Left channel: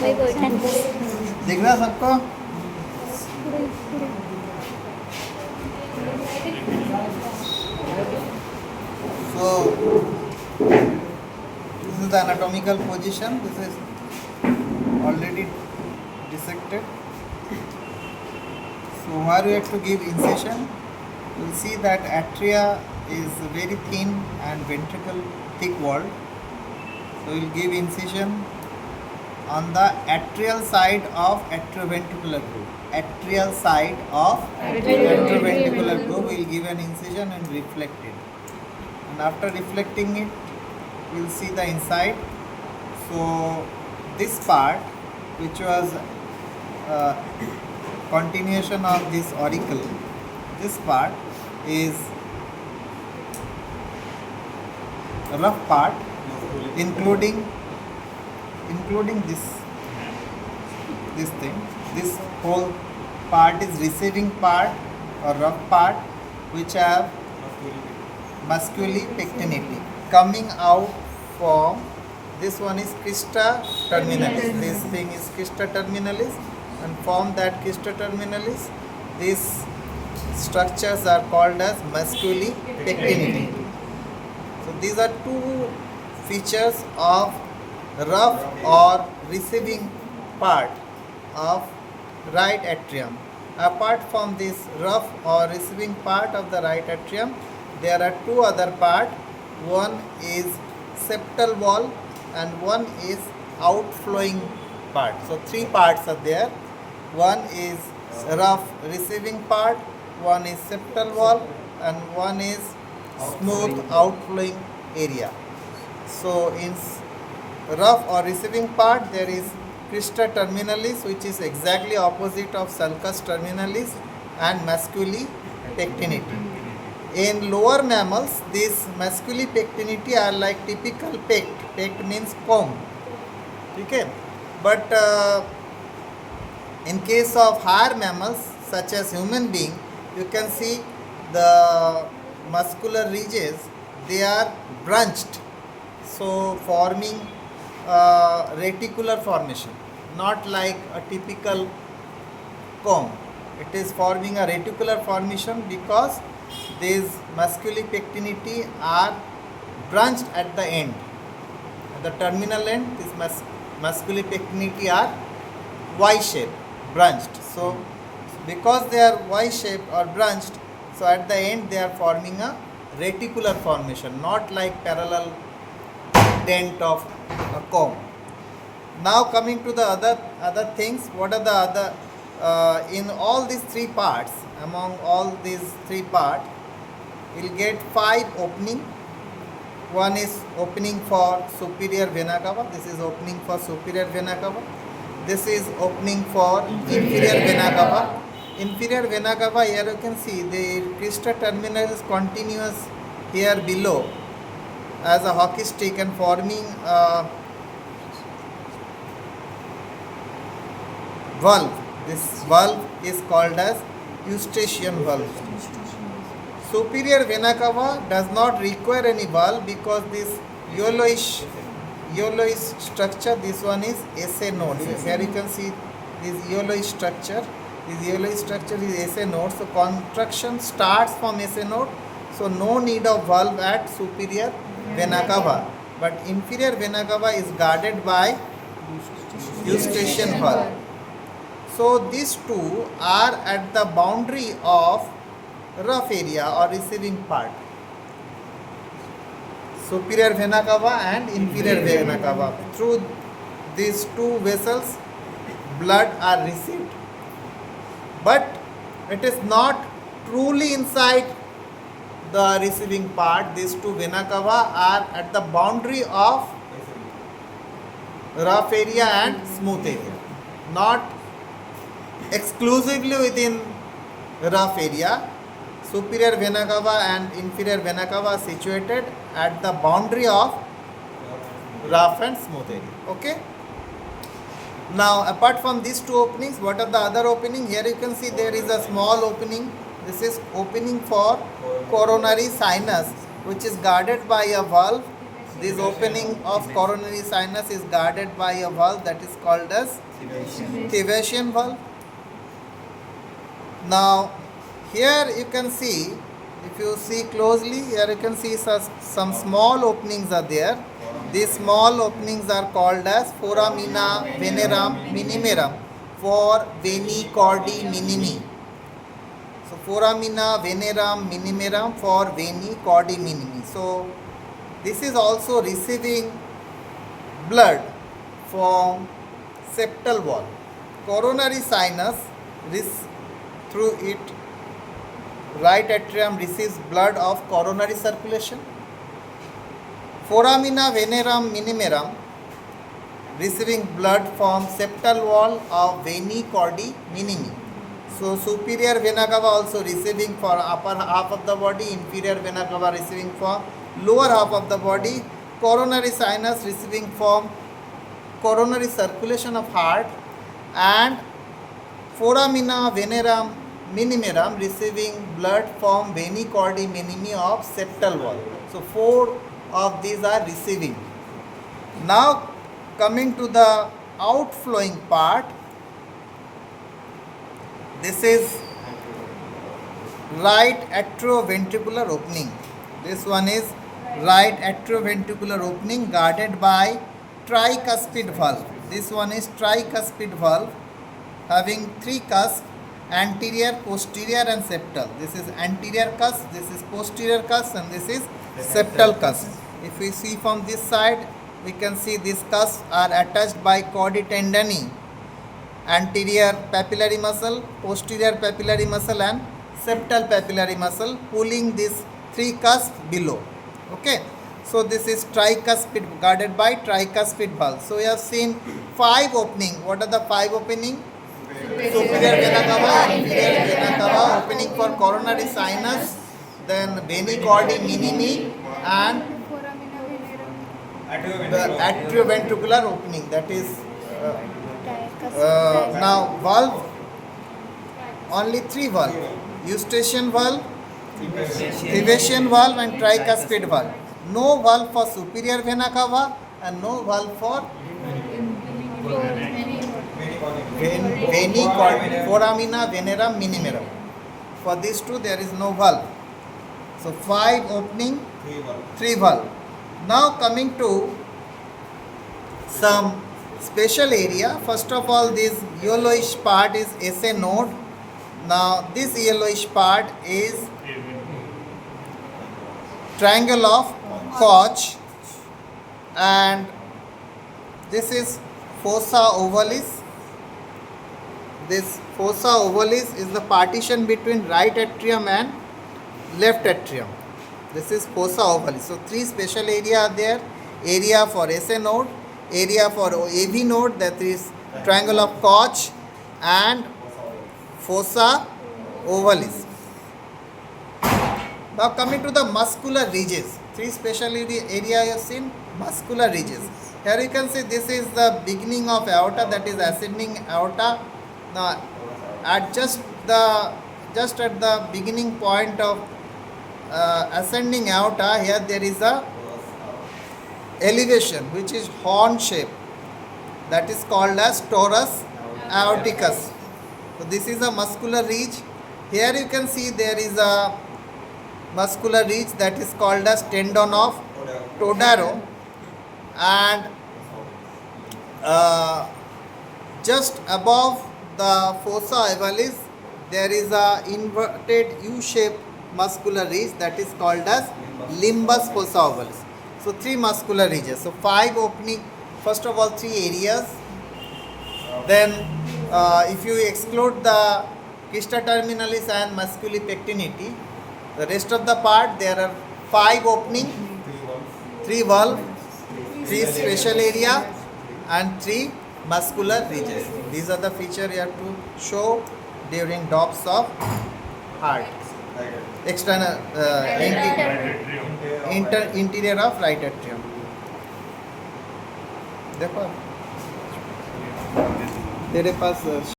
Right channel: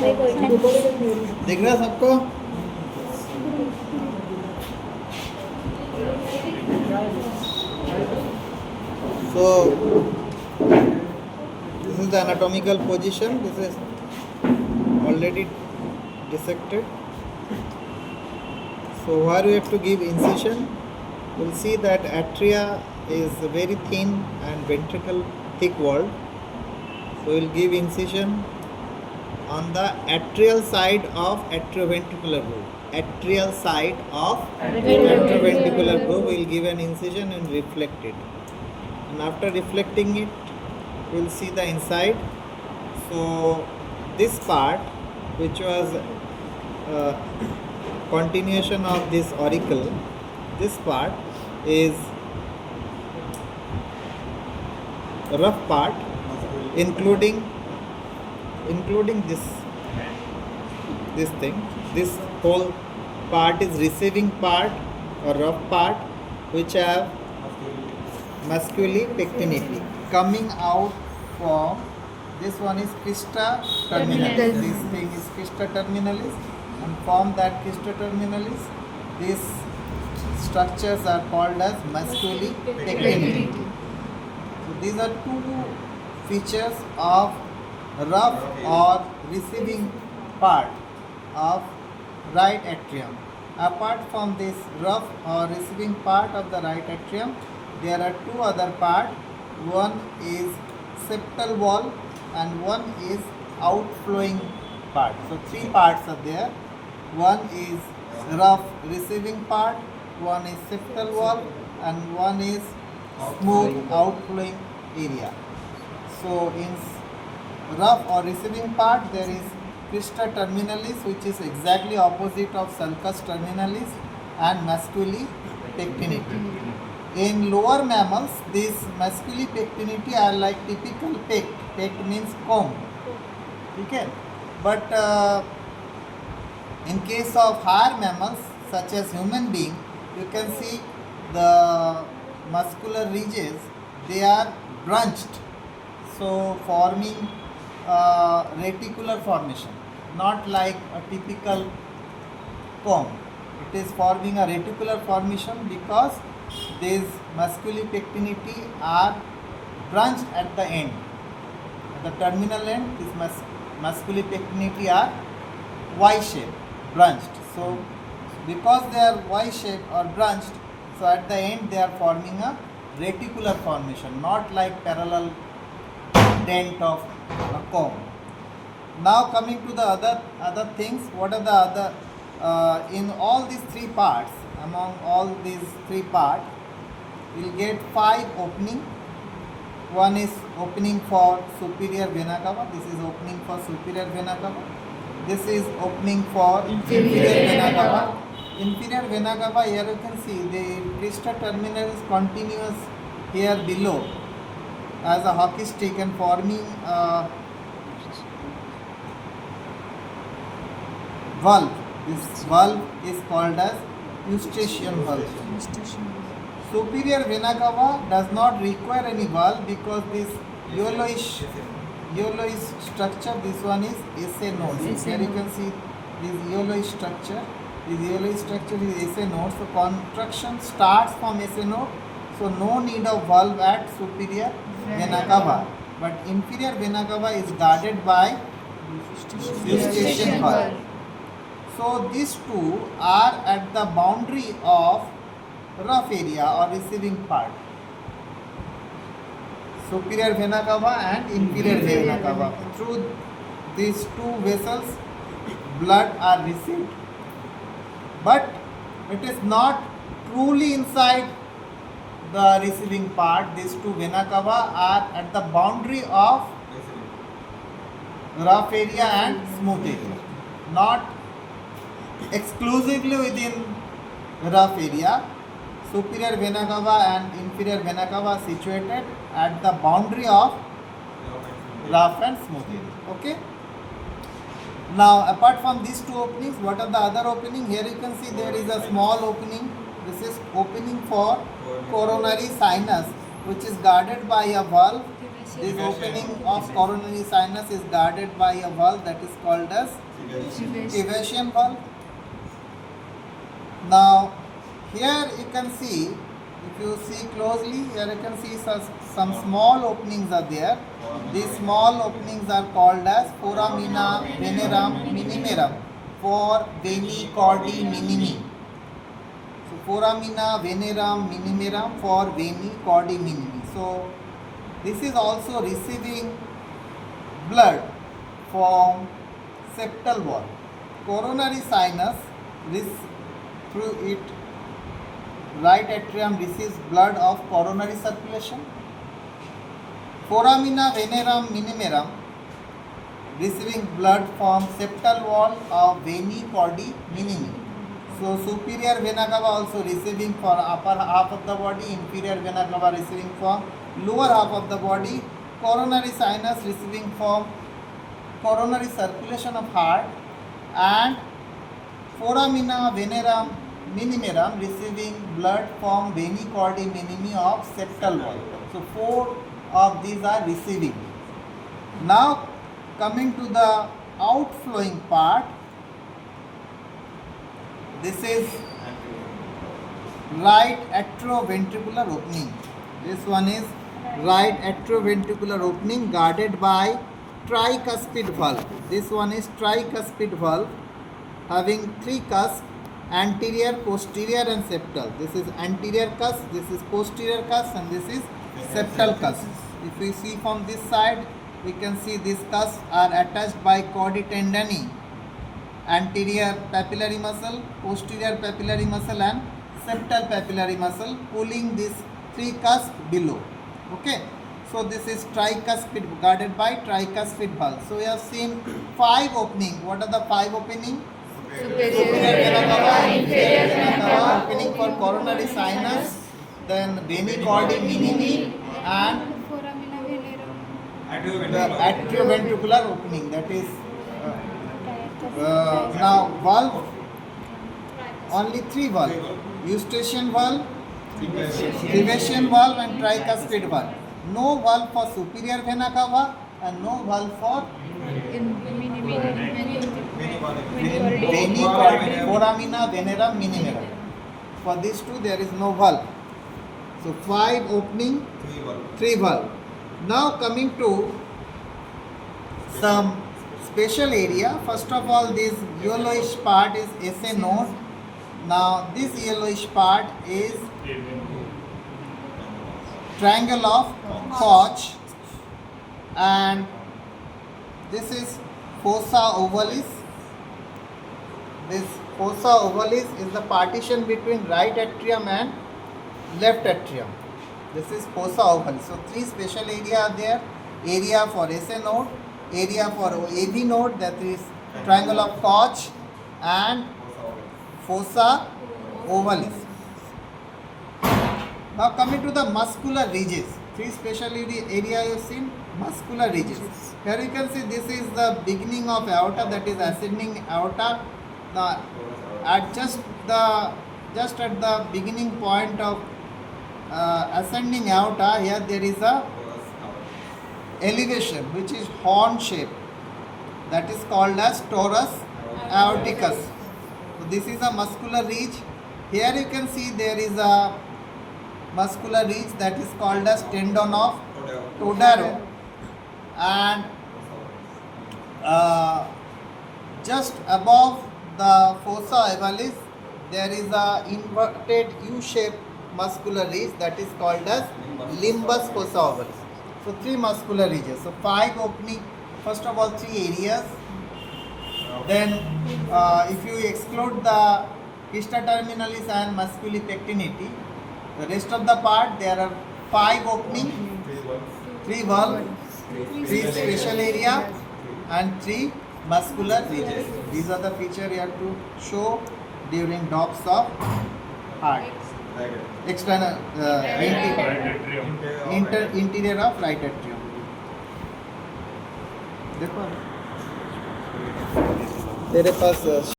दिख रहा सबको? So this is the anatomical position. This is already dissected. So where we have to give incision, we'll see that atria is very thin and ventricle thick walled. So we'll give incision on the atrial side of atrioventricular groove. Atrial side of atrioventricular groove, we'll give an incision and reflect it. And after reflecting it, we'll see the inside. So this part, which was continuation of this auricle, this part is rough part, including this thing. This whole part is receiving part or rough part, which have musculi pectinity coming out from this one is crista terminalis. This thing is crista terminalis, and from that crista terminalis, these structures are called as musculi pectinity. So these are two features of rough or receiving part of right atrium. Apart from this rough or receiving part of the right atrium, there are two other parts. One is septal wall and one is outflowing part. So three parts are there. One is rough receiving part, one is septal wall, and one is smooth outflowing area. So in rough or receiving part, there is crista terminalis, which is exactly opposite of sulcus terminalis and musculi pectinity. In lower mammals, these musculi pectinity are like typical pect. Pect means comb. Okay? But in case of higher mammals, such as human being, you can see the muscular ridges, they are branched. So forming reticular formation, not like a typical comb. It is forming a reticular formation because these musculi pectinity are branched at the end. At the terminal end, these musculi pectinity are Y-shaped, branched. So because they are Y-shaped or branched, so at the end they are forming a reticular formation, not like parallel dent of a comb. Now coming to the other things, what are the other in all these three parts? Among all these three parts, we'll get 5 opening. One is opening for superior vena cava. This is opening for superior vena cava. This is opening for inferior vena cava. Inferior vena cava, here you can see the crista terminal is continuous here below as a hockey stick and forming a valve. This valve is called as Eustachian valve. Superior vena cava does not require any valve because this yellowish structure, this one is SA node. So here you can see this yellowish structure. This yellowish structure is SA node. So contraction starts from SA node. So no need of valve at superior vena cava. But inferior vena cava is guarded by Eustachian valve. So these two are at the boundary of rough area or receiving part. Superior vena cava and inferior vena cava. Through these two vessels, blood are received. But it is not truly inside the receiving part. These two vena cava are at the boundary of rough area and smooth area. Not exclusively within rough area. Superior vena cava and inferior vena cava are situated at the boundary of rough and smooth area. Okay. Now apart from these two openings, what are the other opening? Here you can see there is a small opening. This is opening for coronary sinus, which is guarded by a valve This opening of coronary sinus is guarded by a valve that is called as Tiversion valve. Now, here you can see, if you see closely, here you can see some small openings are there. These small openings are called as foramina venerum minimum for veni cordi minimi. So, foramina venerum minimum for veni cordi minimi. So, this is also receiving blood from septal wall. Coronary sinus through it, right atrium receives blood of coronary circulation. Foramina venerum minimum receiving blood from septal wall of veni cordi minimi. So superior vena cava also receiving for upper half of the body, inferior vena cava receiving for lower half of the body, coronary sinus receiving from coronary circulation of heart, and foramina venerum minimum receiving blood from veni cordi minimi of septal wall. So 4 of these are receiving. Now coming to the outflowing part, this is right atrioventricular opening. This one is right atrioventricular opening guarded by tricuspid valve. This one is tricuspid valve having 3 cusps, anterior, posterior and septal. This is anterior cusp, this is posterior cusp and this is septal cusp. If we see from this side, we can see these cusps are attached by chordae tendineae, anterior papillary muscle, posterior papillary muscle and septal papillary muscle, pulling these 3 cusps below. Okay, so this is tricuspid, guarded by tricuspid valve. So we have seen 5 opening. What are the 5 opening? Superior vena cava, inferior vena cava, opening for coronary sinus, then veni cordi minimi and the atrioventricular opening, that is now valve, only 3 valve: Eustachian valve, Tiversion valve and tricuspid valve. No valve for superior vena cava and no valve for veni cordi, foramina venerum minimum. For these 2 there is no valve. So 5 opening, 3 valve. Now coming to some special area. First of all, this yellowish part is SA node. Now this yellowish part is triangle of Koch, and this is fossa ovalis. This fossa ovalis is the partition between right atrium and left atrium. This is fossa ovalis. So 3 special area are there: area for SA node, area for AV node, that is triangle of Koch, and fossa ovalis. Now coming to the muscular ridges, 3 special area you have seen, muscular ridges. Here you can see this is the beginning of aorta, that is ascending aorta. Now at just at the beginning point of ascending aorta, here there is a elevation which is horn shape, that is called as torus aorticus. So this is a muscular ridge. Here you can see there is a muscular ridge that is called as tendon of Todaro, and just above the fossa ovalis there is a inverted U-shaped muscular ridge that is called as limbus fossa ovalis. So 3 muscular ridges. So 5 opening. First of all, 3 areas. Then if you exclude the Quista terminalis and musculi pectinati, the rest of the part there are 5 opening, 3 valve, 3 special area and 3 muscular ridges. These are the features you have to show during DOPS of heart. External interior of right atrium. देखो तेरे पास